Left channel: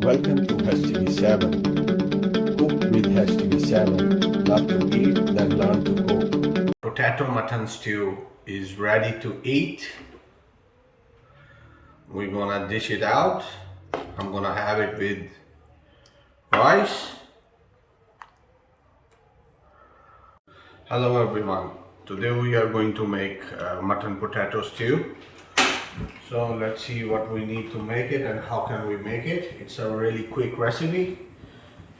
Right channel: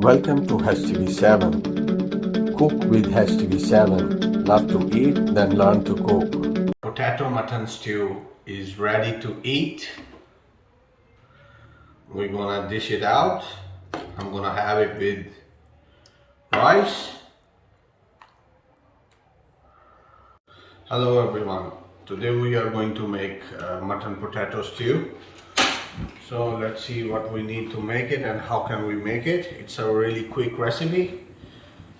Welcome to HTV7. Cook with HTV7. Love to eat, then learn to cook. Potato mutton stew is ready to eat. We're gonna dish it out. I'm gonna have it with rice. Hello everyone. Today we are going to make mutton potato stew. So let's see what we need to make it and how can we make it. It's a really quick recipe.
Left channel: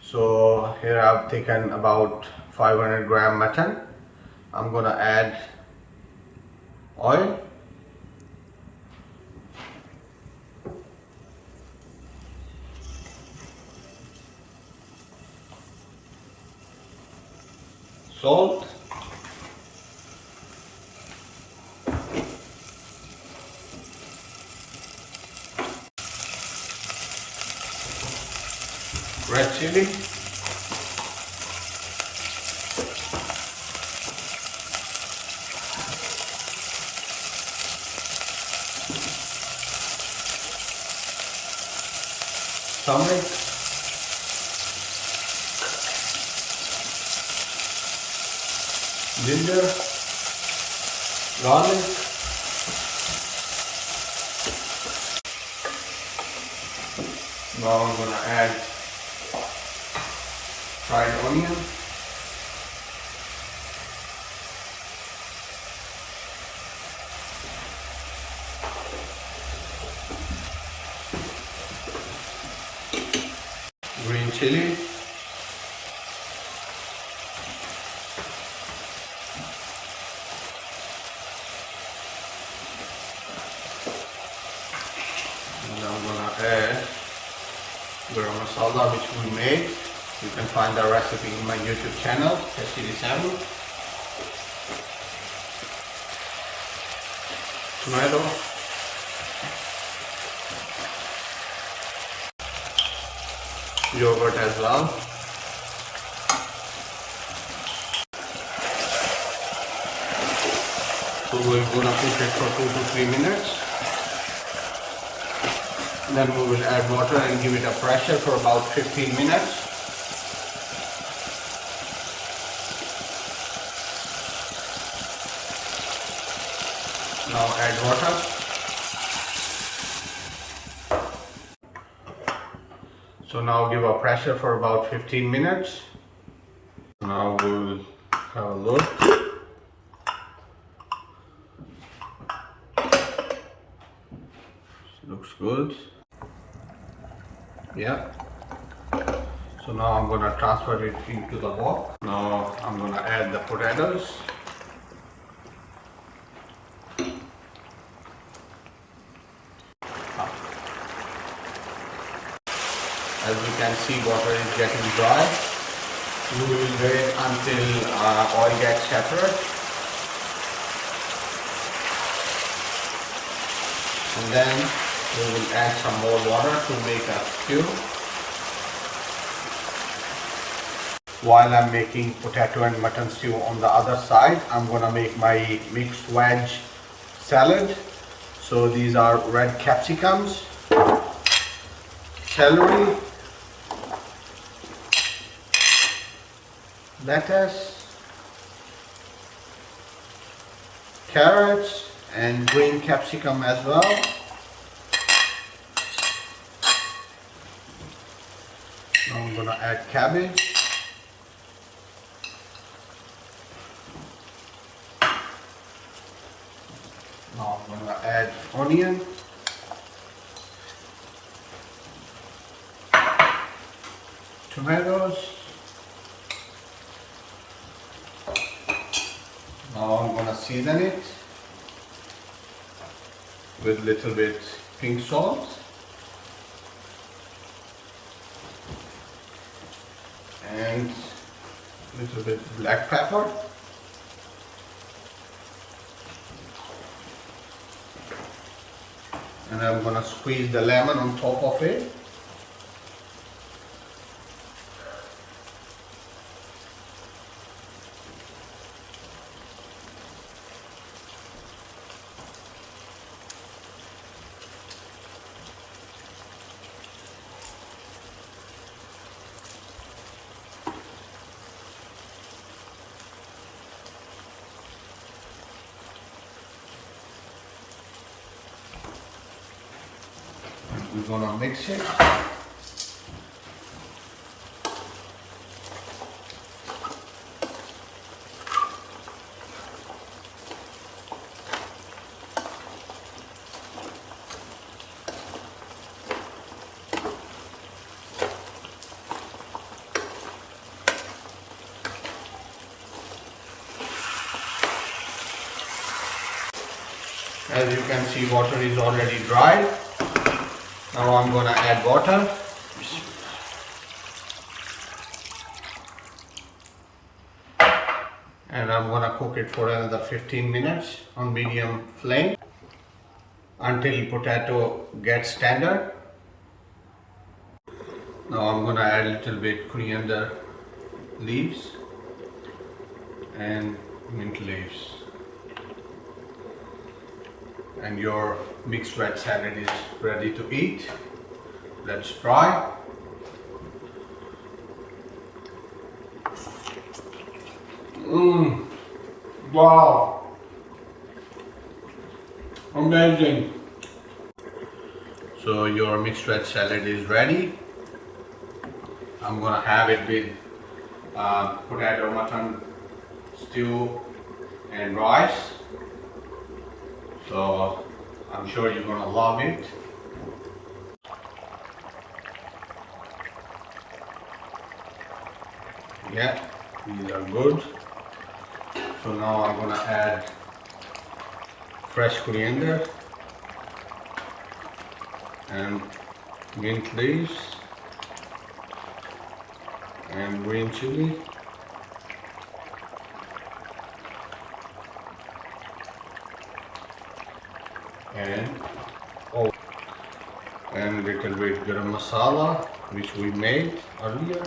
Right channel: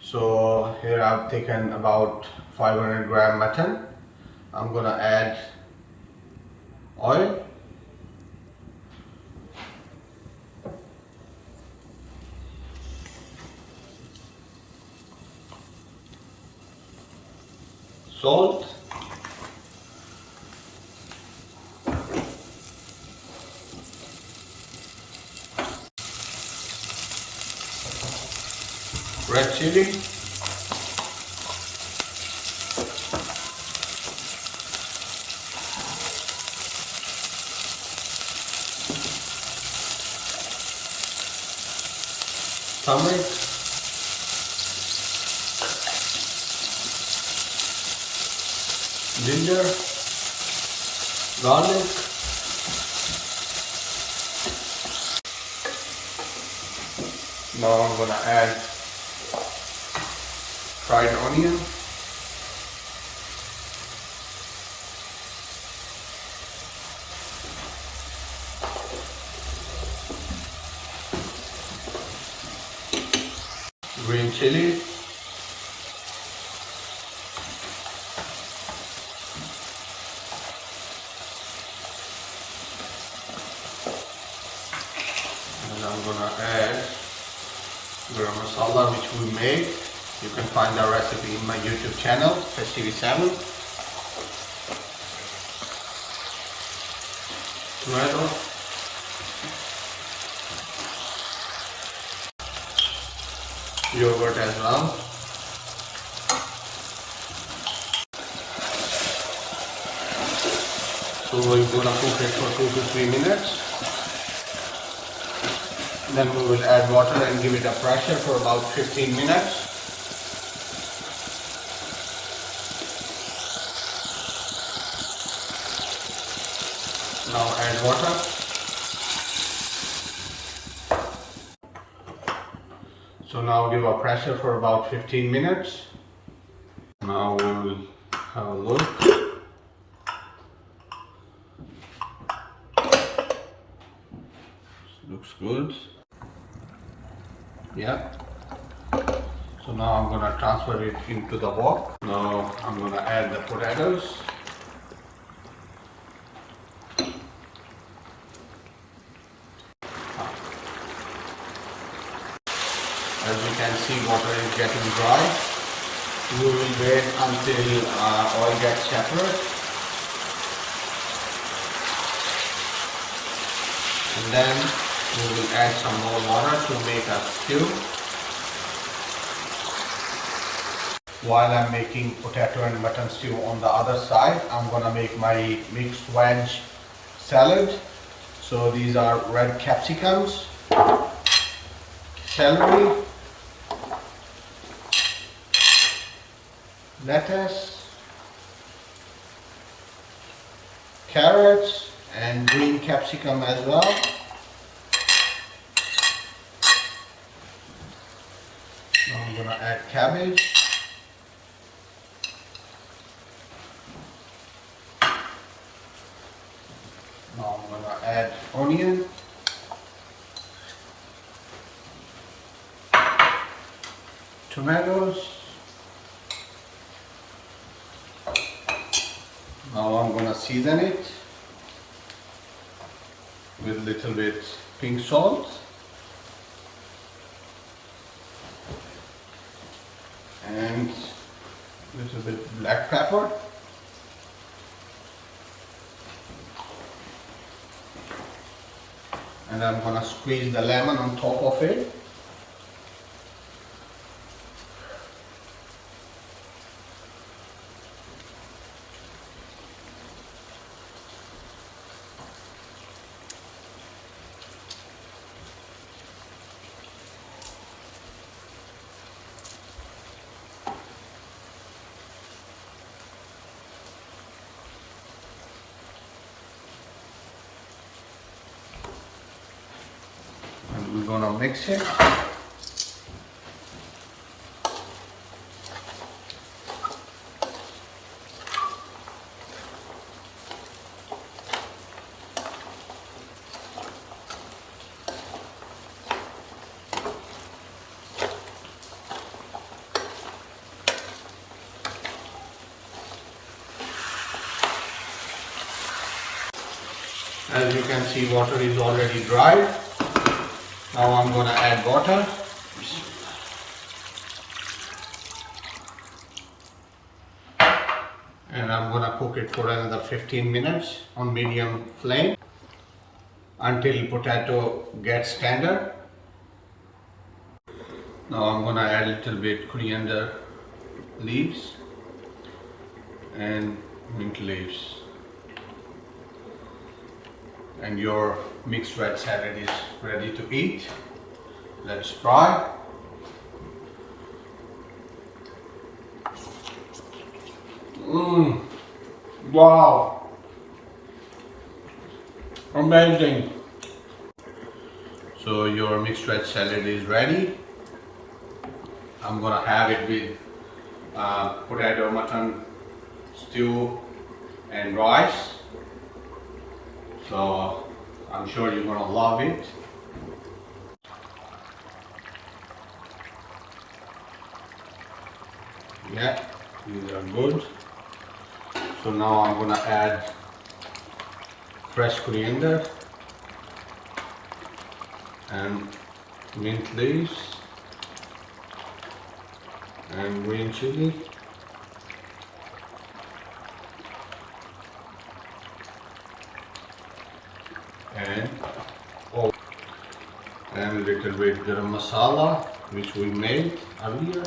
So here I've taken about 500 gram mutton. I'm gonna add oil, salt, red chili, turmeric, ginger, garlic, now I'm gonna add fried onion, green chili, and I'm gonna add garam masala which we made. You can find the recipe in my YouTube channel, HTV7. Tomato, yogurt as well. So we're gonna cook it for 2 to 3 minutes. Then we will add water and give it a pressure for about 15 minutes. Now add water. So now give a pressure for about 15 minutes. Now we'll have a look. Looks good. Yeah. So now I'm gonna transfer it into the wok. Now I'm gonna add the potatoes. As you can see, water is getting dry. We will wait until oil gets separate. And then we will add some more water to make a stew. While I'm making potato and mutton stew on the other side, I'm gonna make my mixed veg salad. So these are red capsicums, celery, lettuce, carrots, and green capsicum as well. Now I'm gonna add cabbage. Now I'm gonna add onion. Tomatoes. Now I'm gonna season it with little bit pink salt and little bit black pepper. And I'm gonna squeeze the lemon on top of it. we're gonna mix it. As you can see, water is already dried. Now I'm gonna add water. And I'm gonna cook it for another 15 minutes on medium flame until potato gets tender. Now I'm gonna add a little bit coriander leaves and mint leaves. And your mixed veg salad is ready to eat. Let's try. Wow, amazing. So your mixed veg salad is ready. I'm gonna have it with potato mutton stew and rice. So I'm sure you're gonna love it. Yeah, these are good. So now I'm gonna add fresh coriander and mint leaves and green chili. And a little bit garam masala, which we made earlier.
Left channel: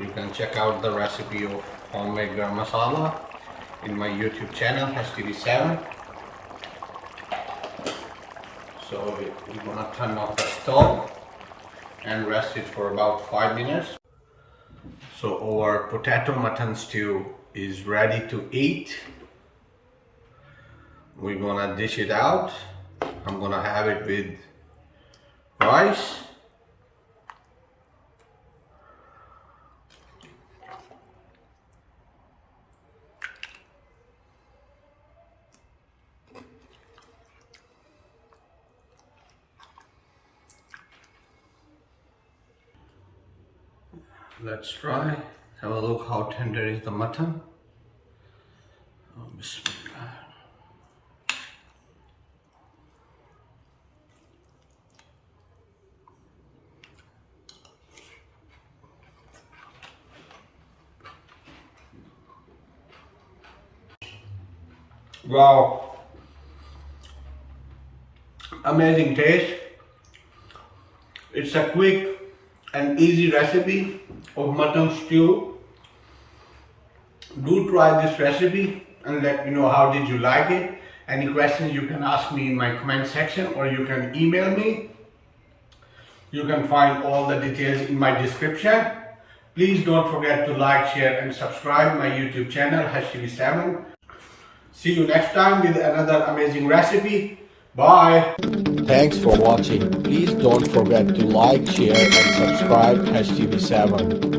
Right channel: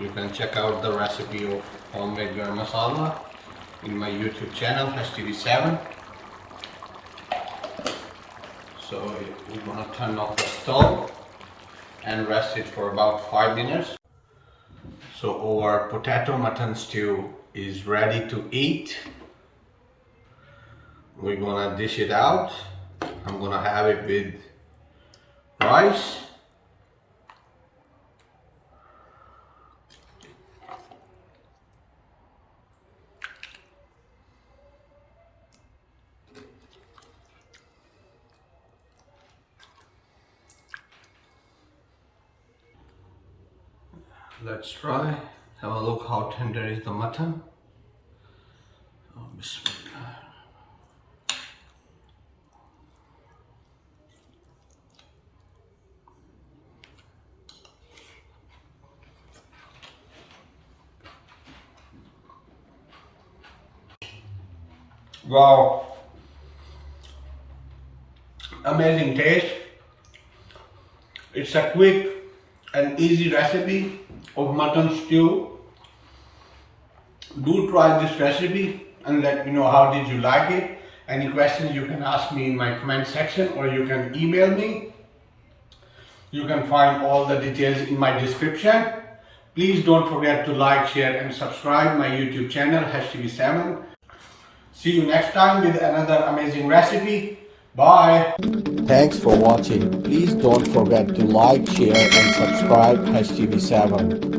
You can check out the recipe of homemade garam masala in my YouTube channel HTV7. So we're gonna turn off the stove and rest it for about 5 minutes. So our potato mutton stew is ready to eat. We're gonna dish it out. I'm gonna have it with rice. Let's try. Have a look how tender is the mutton. Oh, bismillah. Wow, amazing taste. It's a quick and easy recipe of mutton stew. Do try this recipe and let me know how did you like it. Any questions you can ask me in my comment section or you can email me. You can find all the details in my description. Please don't forget to like, share and subscribe my YouTube channel HTV7. See you next time with another amazing recipe. Bye. Thanks for watching. Please don't forget to like, share and subscribe HTV7.